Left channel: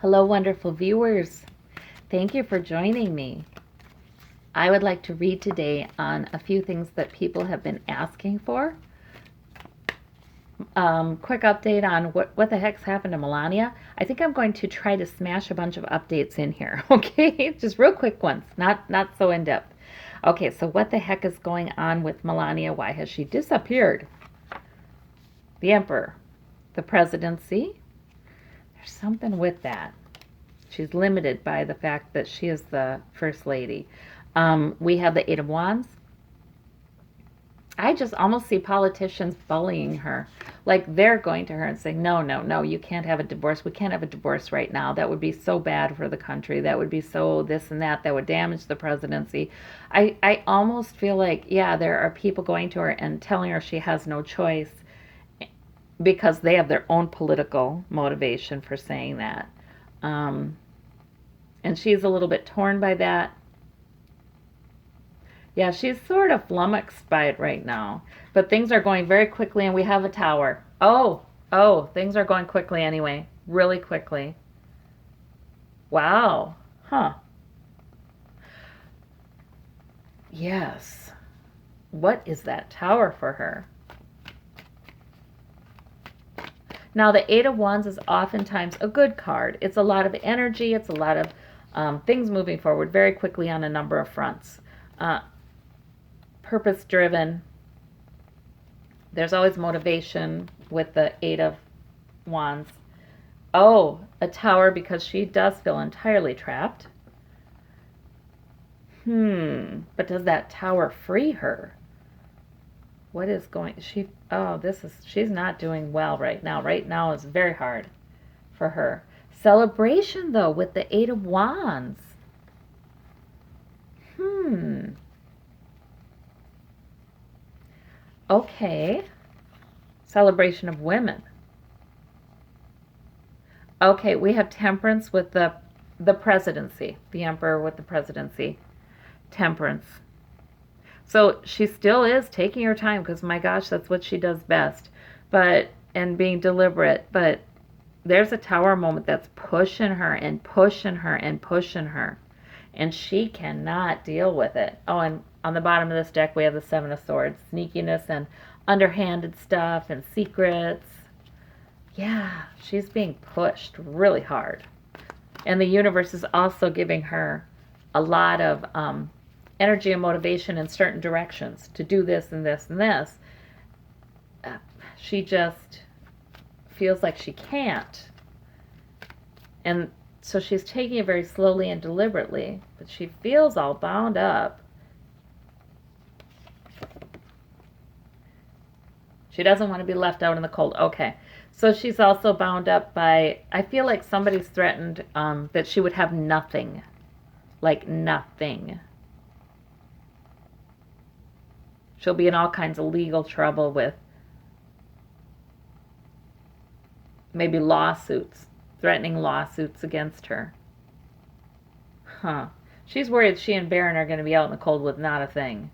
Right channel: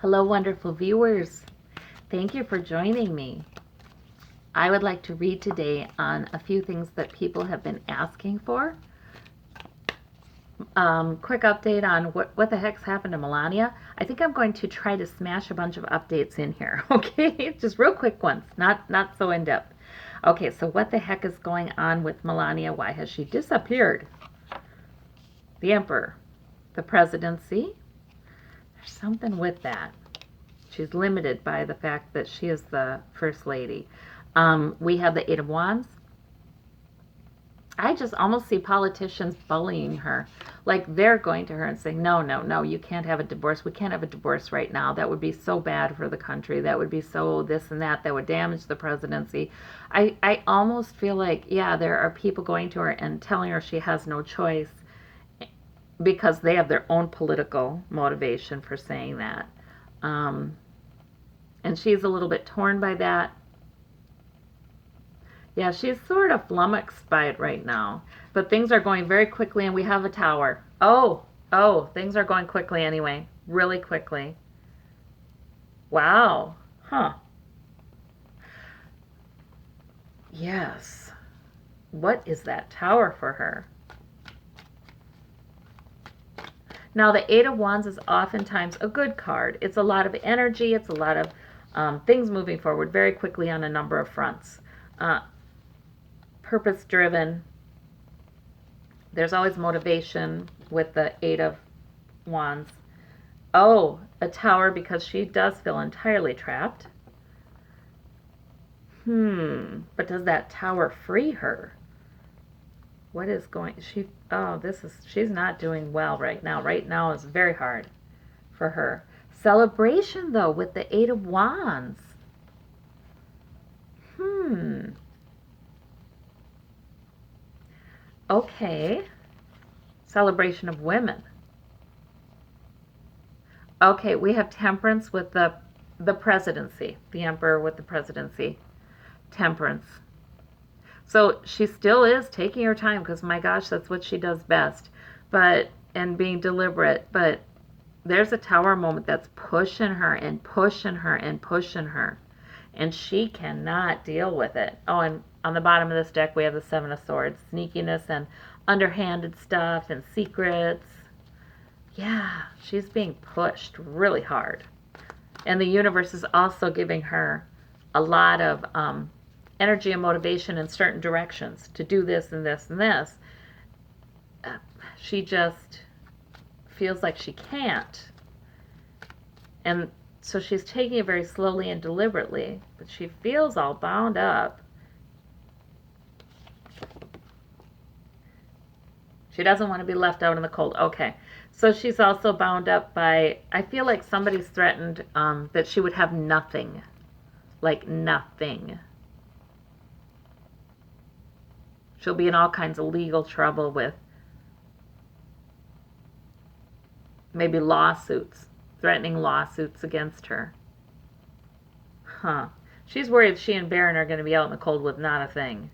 Hello, wonderful viewers. Thank you for joining me. I would like to read today on a few things that people have been asking for. Quick update on what the heck's happened to Melania. I think I'm going to try to smash a bunch of updates in here, okay? Just real quick ones, not so in-depth. Okay, so what the heck is going on with Melania? Why has she disappeared? The emperor, the presidency. There's something with that. She's limited by the fact that she is the first lady. We have the Eight of Wands. I just almost see politicians bullying her. Like they're going to her and saying, no, no, no, you can't have a divorce. We can't have a divorce right now. That would be so bad for the country. That would be so this and that. That would damage the presidency. I almost feel like, yeah, there are people going to her and telling her she has no choice because they have their own political motivation for saying that. And she's a little bit torn by that. Yeah, she's sort of flummoxed by it right now. But things are going very quickly, and we have a tower. Oh, things are going quickly anyway. Really quickly. Wow. Huh. Yes. What is that tower for her? Now, the Eight of Wands is oftentimes a good card. It's a lot of energy. It's a lot of things moving forward very quickly on a number of fronts. Purpose-driven. There's always motivation with the Eight of Wands. Oh, a tower because she does feel entirely trapped. But does that tower free her? What is going, she's not doing well right now. Right now is very hard for her. Celebration, though, with the Eight of Wands. Okay. Celebration of women. Okay, we have temperance with the presidency. The emperor with the presidency. Temperance. So she still is taking her time because, my gosh, that's what she does best. And being deliberate. But there's a tower moment that's pushing her and pushing her and pushing her. And she cannot deal with it. Oh, and on the bottom of this deck, we have the Seven of Swords. Sneakiness and underhanded stuff and secrets. Yeah, she's being pushed really hard. And the universe is also giving her a lot of energy and motivation in certain directions to do this and this and this. She just feels like she can't. And so she's taking it very slowly and deliberately, but she feels all bound up. She doesn't want to be left out in the cold. Okay. So she's also bound up by, I feel like somebody's threatened that she would have nothing. Like nothing. She'll be in all kinds of legal trouble with maybe lawsuits, threatening lawsuits against her. She's worried she and Baron are going to be out in the cold with not a thing.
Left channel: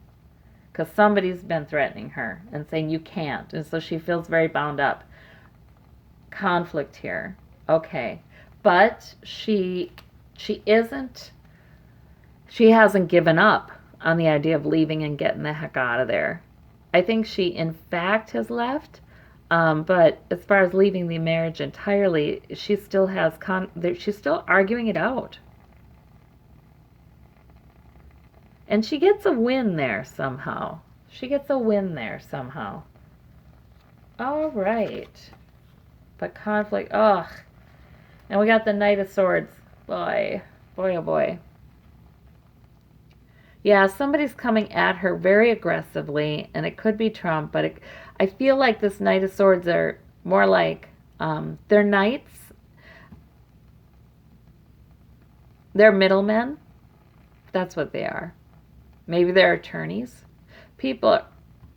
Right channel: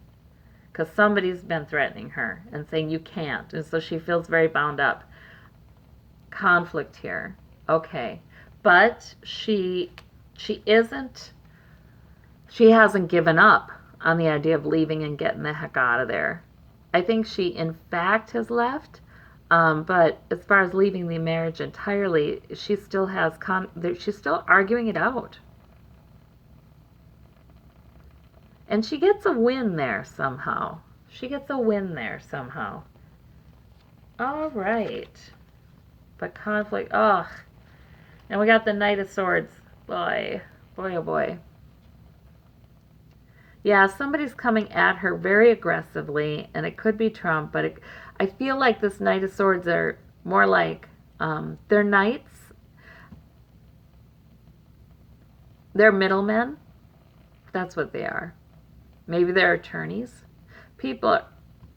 Because somebody's been threatening her and saying you can't. And so she feels very bound up. Conflict here. Okay. But she hasn't given up on the idea of leaving and getting the heck out of there. I think she in fact has left. But as far as leaving the marriage entirely, she still has she's still arguing it out. And she gets a win there somehow. All right. But conflict, ugh. And we got the Knight of Swords. Boy, oh boy. Yeah, somebody's coming at her very aggressively, and it could be Trump, but I feel like this Knight of Swords are more like, they're knights. They're middlemen. That's what they are. Maybe they're attorneys. People,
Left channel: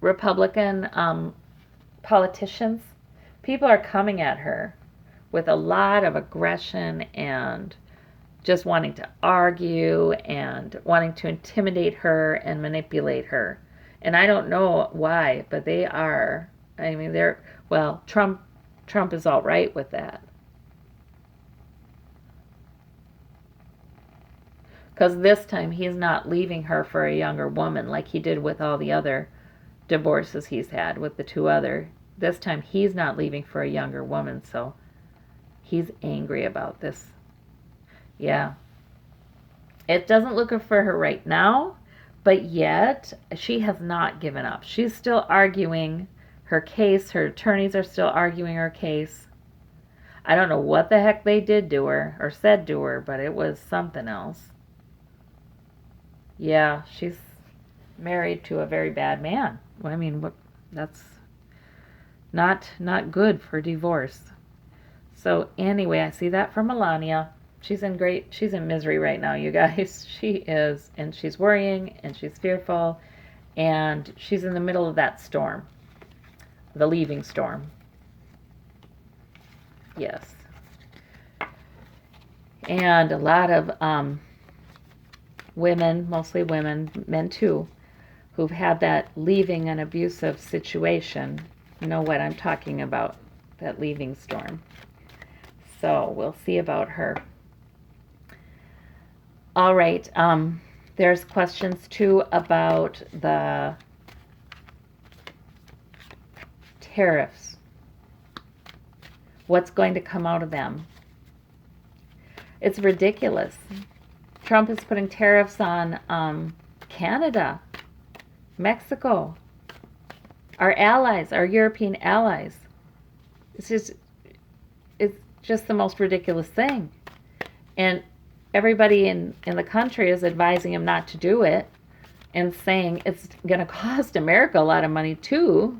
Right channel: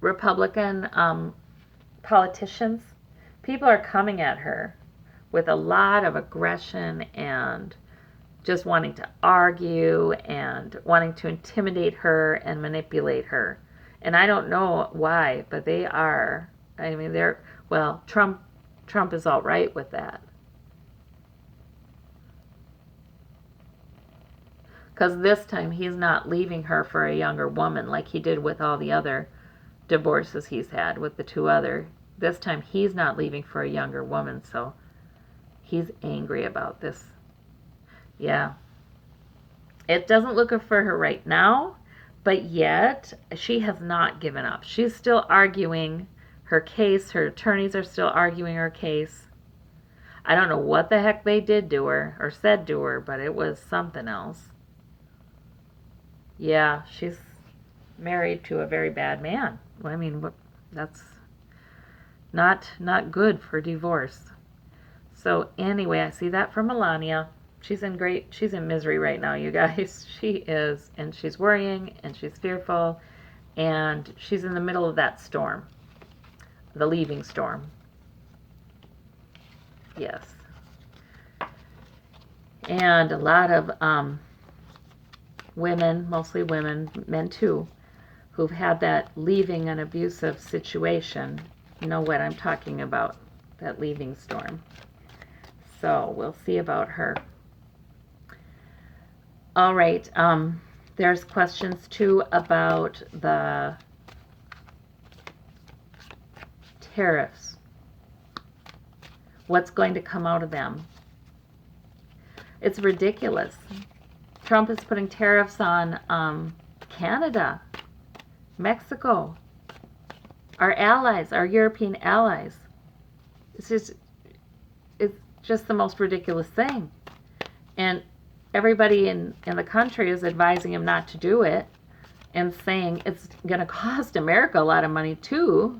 Republican politicians, people are coming at her with a lot of aggression and just wanting to argue and wanting to intimidate her and manipulate her. And I don't know why, but they are. I mean, Trump is all right with that. Because this time he's not leaving her for a younger woman like he did with all the other divorces he's had with the two other. This time he's not leaving for a younger woman, so he's angry about this. Yeah. It doesn't look good for her right now, but yet she has not given up. She's still arguing her case. Her attorneys are still arguing her case. I don't know what the heck they did to her or said to her, but it was something else. Yeah, she's married to a very bad man. I mean, that's not good for divorce. So anyway, I see that from Melania. She's in misery right now, you guys. She is, and she's worrying, and she's fearful, and she's in the middle of that storm, the leaving storm. Yes. And a lot of women, mostly women, men too, who've had that leaving an abusive situation know what I'm talking about, that leaving storm. So we'll see about her. All right. There's questions too about the tariffs. What's going to come out of them? It's ridiculous. Trump is putting tariffs on Canada, Mexico, our allies, our European allies. It's just the most ridiculous thing. And everybody in the country is advising him not to do it and saying it's going to cost America a lot of money too.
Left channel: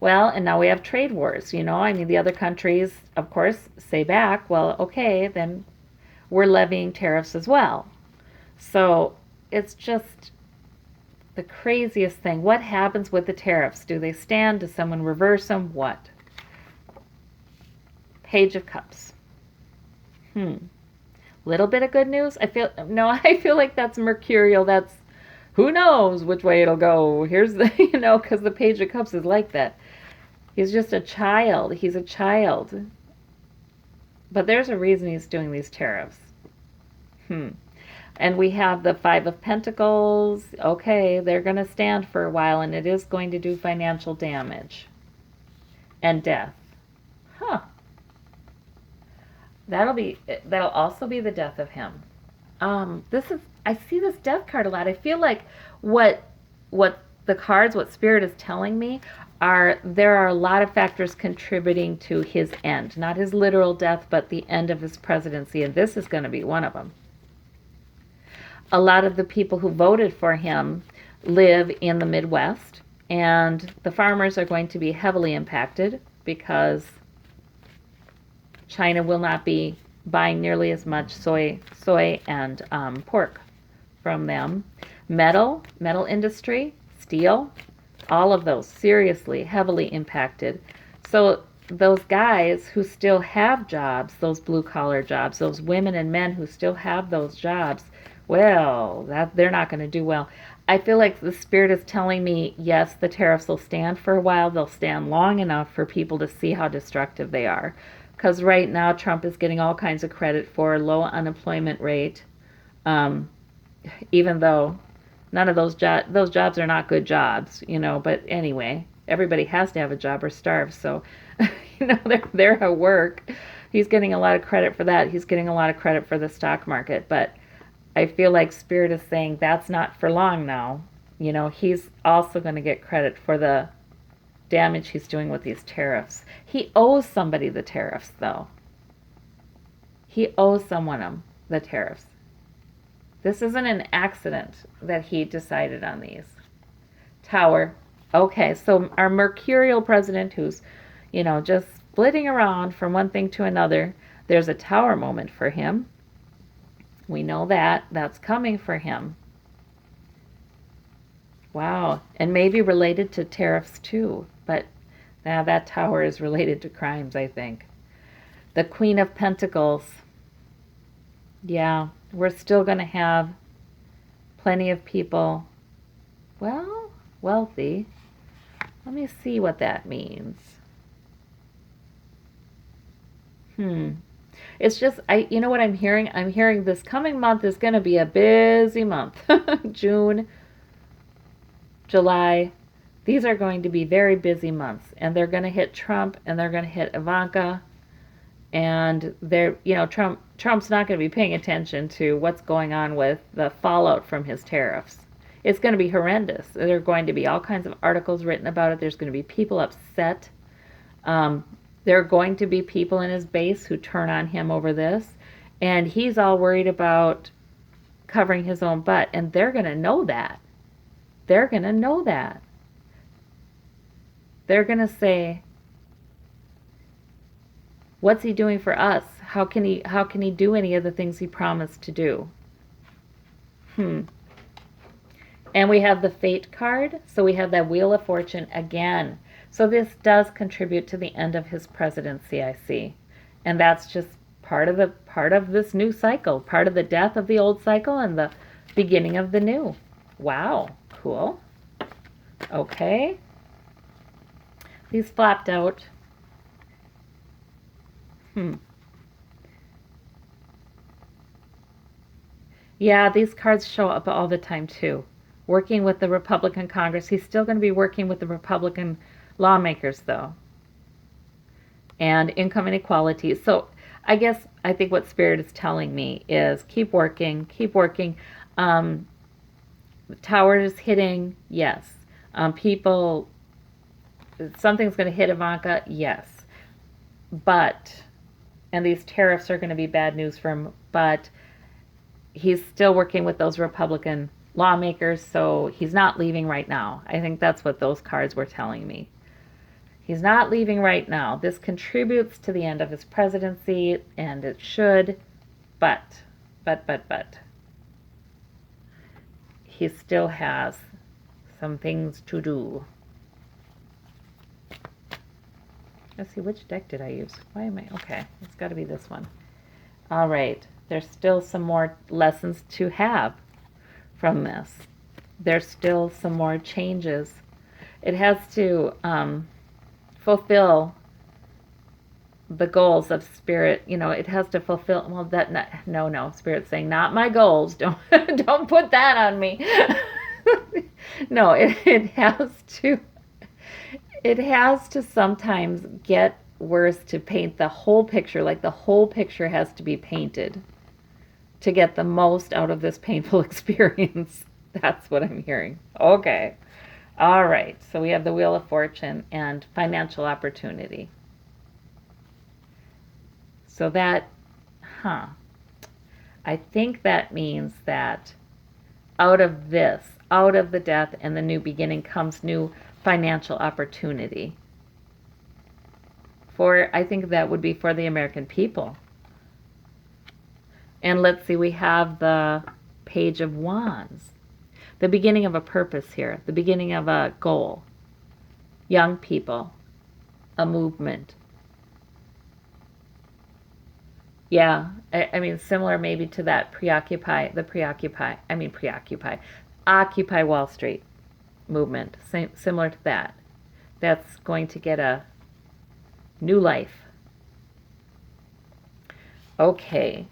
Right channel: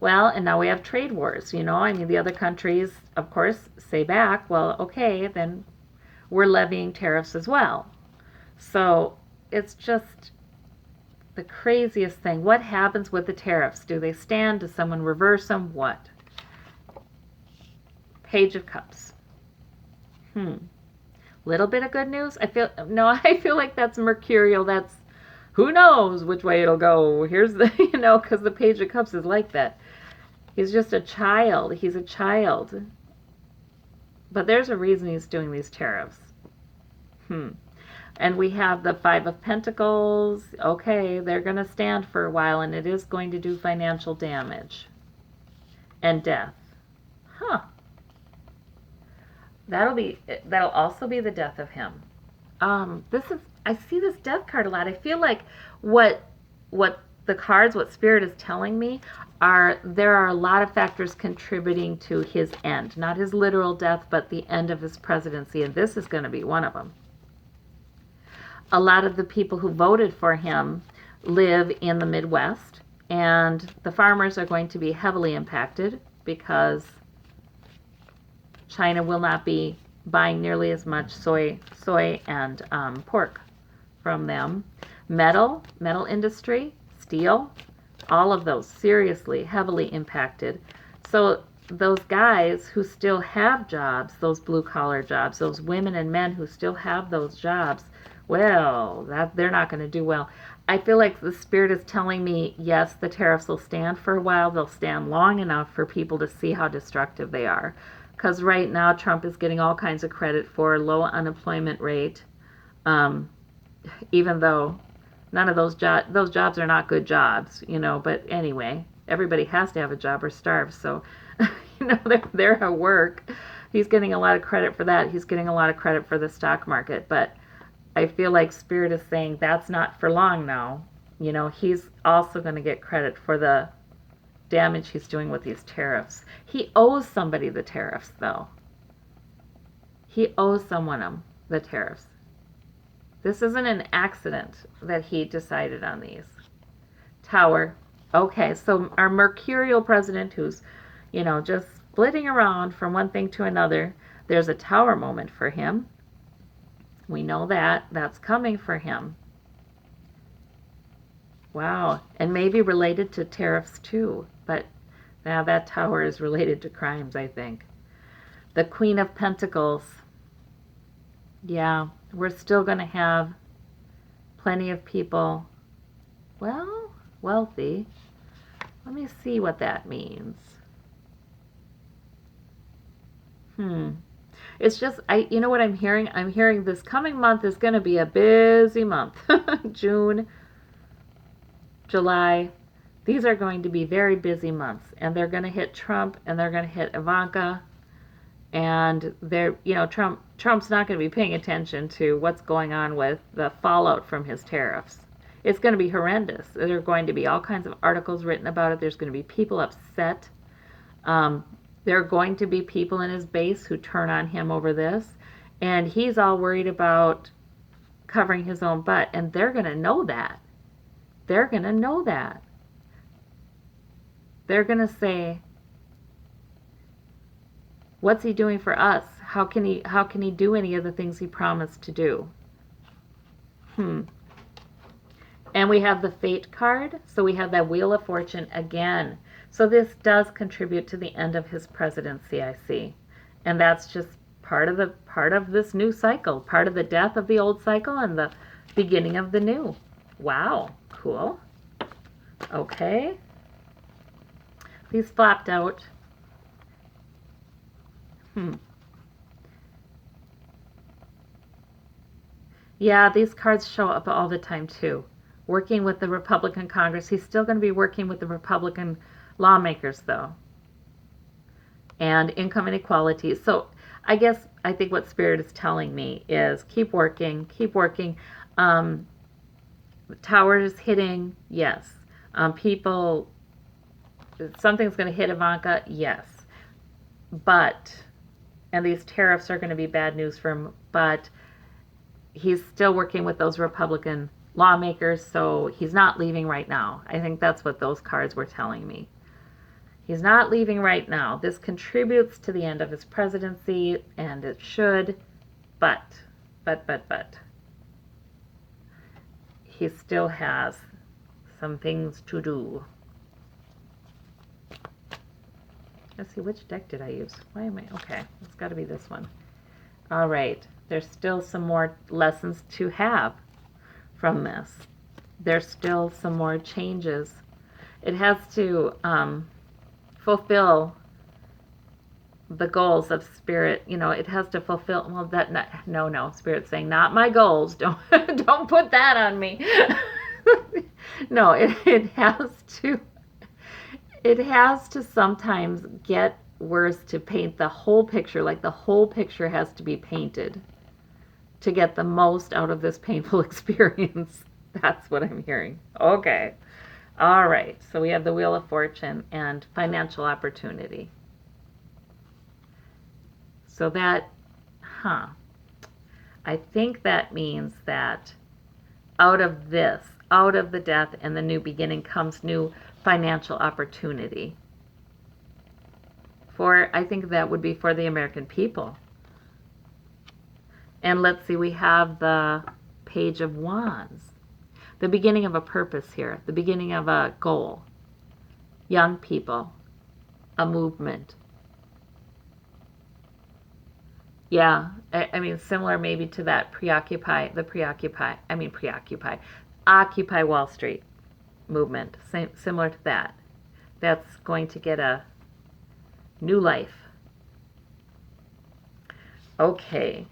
Well, and now we have trade wars, I mean, the other countries, of course, say back, well, okay, then we're levying tariffs as well. So it's just the craziest thing. What happens with the tariffs? Do they stand? Does someone reverse them? What? Page of Cups. Little bit of good news. I feel like that's mercurial. That's, who knows which way it'll go. Here's the, because the Page of Cups is like that. He's just a child. He's a child. But there's a reason he's doing these tariffs. And we have the Five of Pentacles. Okay, they're going to stand for a while, and it is going to do financial damage and death. That'll also be the death of him. I see this death card a lot. I feel like what the cards, what Spirit is telling me, there are a lot of factors contributing to his end. Not his literal death, but the end of his presidency, and this is going to be one of them. A lot of the people who voted for him live in the Midwest, and the farmers are going to be heavily impacted because China will not be buying nearly as much soy and pork from them. Metal industry, steel, all of those seriously, heavily impacted. So those guys who still have jobs, those blue-collar jobs, those women and men who still have those jobs, well, they're not going to do well. I feel like the Spirit is telling me, yes, the tariffs will stand for a while. They'll stand long enough for people to see how destructive they are. Because right now, Trump is getting all kinds of credit for low unemployment rate, even though none of those jobs are not good jobs, But anyway, everybody has to have a job or starve. So, they're at work. He's getting a lot of credit for that. He's getting a lot of credit for the stock market. But I feel like Spirit is saying that's not for long now. He's also going to get credit for the damage he's doing with these tariffs. He owes somebody the tariffs, though. He owes someone the tariffs. This isn't an accident that he decided on these. Tower. Okay, so our mercurial president who's, just splitting around from one thing to another, there's a tower moment for him. We know that's coming for him. Wow. And maybe related to tariffs too. But now that tower is related to crimes, I think. The Queen of Pentacles. Yeah, we're still going to have plenty of people, wealthy. Let me see what that means. It's just, you know what I'm hearing? I'm hearing this coming month is going to be a busy month. June, July, these are going to be very busy months, and they're going to hit Trump, and they're going to hit Ivanka, and Trump's not going to be paying attention to what's going on with the fallout from his tariffs. It's going to be horrendous. There are going to be all kinds of articles written about it. There's going to be people upset. There are going to be people in his base who turn on him over this, and he's all worried about covering his own butt, and they're going to know that. They're going to know that. They're going to say, what's he doing for us? How can he do any of the things he promised to do? And we have the Fate card, so we have that Wheel of Fortune again. So this does contribute to the end of his presidency, I see. And that's just part of this new cycle, part of the death of the old cycle and the beginning of the new. Wow, cool. Okay. These flopped out. Yeah, these cards show up all the time too. Working with the Republican Congress. He's still going to be working with the Republican lawmakers, though. And income inequality. So I think what Spirit is telling me is keep working, keep working. Towers hitting, yes. People, something's going to hit Ivanka, yes. And these tariffs are going to be bad news for him, but he's still working with those Republican lawmakers, so he's not leaving right now. I think that's what those cards were telling me. He's not leaving right now. This contributes to the end of his presidency, and it should, but. He still has some things to do. Let's see, which deck did I use? Why am I? Okay, it's got to be this one. All right, there's still some more lessons to have from this. There's still some more changes. It has to fulfill the goals of Spirit. It has to fulfill. Well, no. Spirit's saying, not my goals. Don't put that on me. No, it has to. It has to sometimes get worse to paint the whole picture. Like the whole picture has to be painted to get the most out of this painful experience. That's what I'm hearing. Okay. All right. So we have the Wheel of Fortune and financial opportunity. So that, I think that means that out of the death and the new beginning comes new financial opportunity. I think that would be for the American people. And let's see, we have the Page of Wands. The beginning of a purpose here, the beginning of a goal. Young people, a movement. Yeah, I mean, similar maybe to that Occupy Wall Street movement, similar to that. That's going to get a new life. Okay.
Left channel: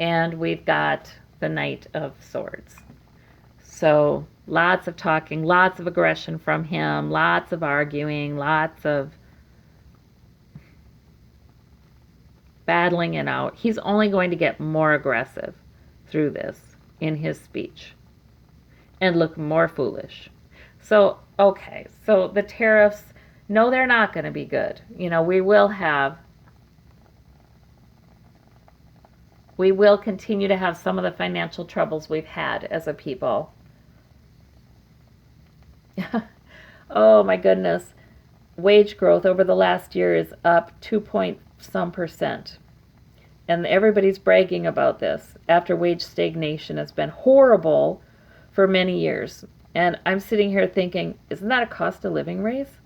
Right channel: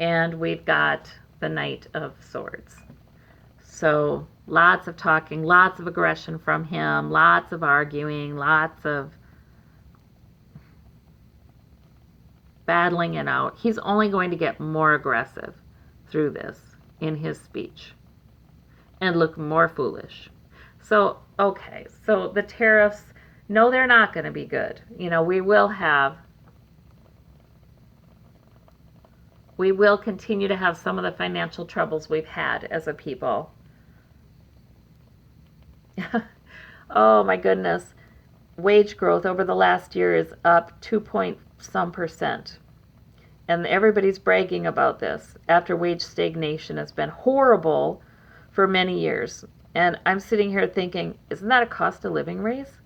And we've got the Knight of Swords. So lots of talking, lots of aggression from him, lots of arguing, lots of battling it out. He's only going to get more aggressive through this in his speech and look more foolish. So, okay, so the tariffs, no, they're not going to be good. We will continue to have some of the financial troubles we've had as a people. Oh my goodness. Wage growth over the last year is up 2.some%. And everybody's bragging about this after wage stagnation has been horrible for many years. And I'm sitting here thinking, isn't that a cost of living raise?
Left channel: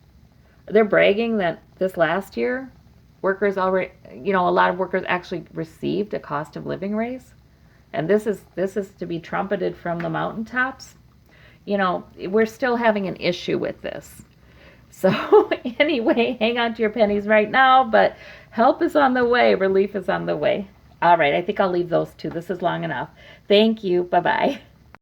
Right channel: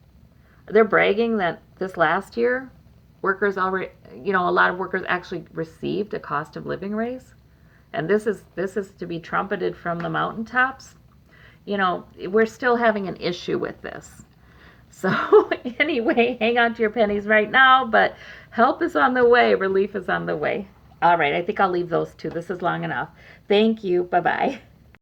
They're bragging that this last year, workers already, a lot of workers actually received a cost of living raise. And this is to be trumpeted from the mountaintops. We're still having an issue with this. So anyway, hang on to your pennies right now, but Help is on the way. Relief is on the way. All right, I think I'll leave those two. This is long enough. Thank you. Bye-bye.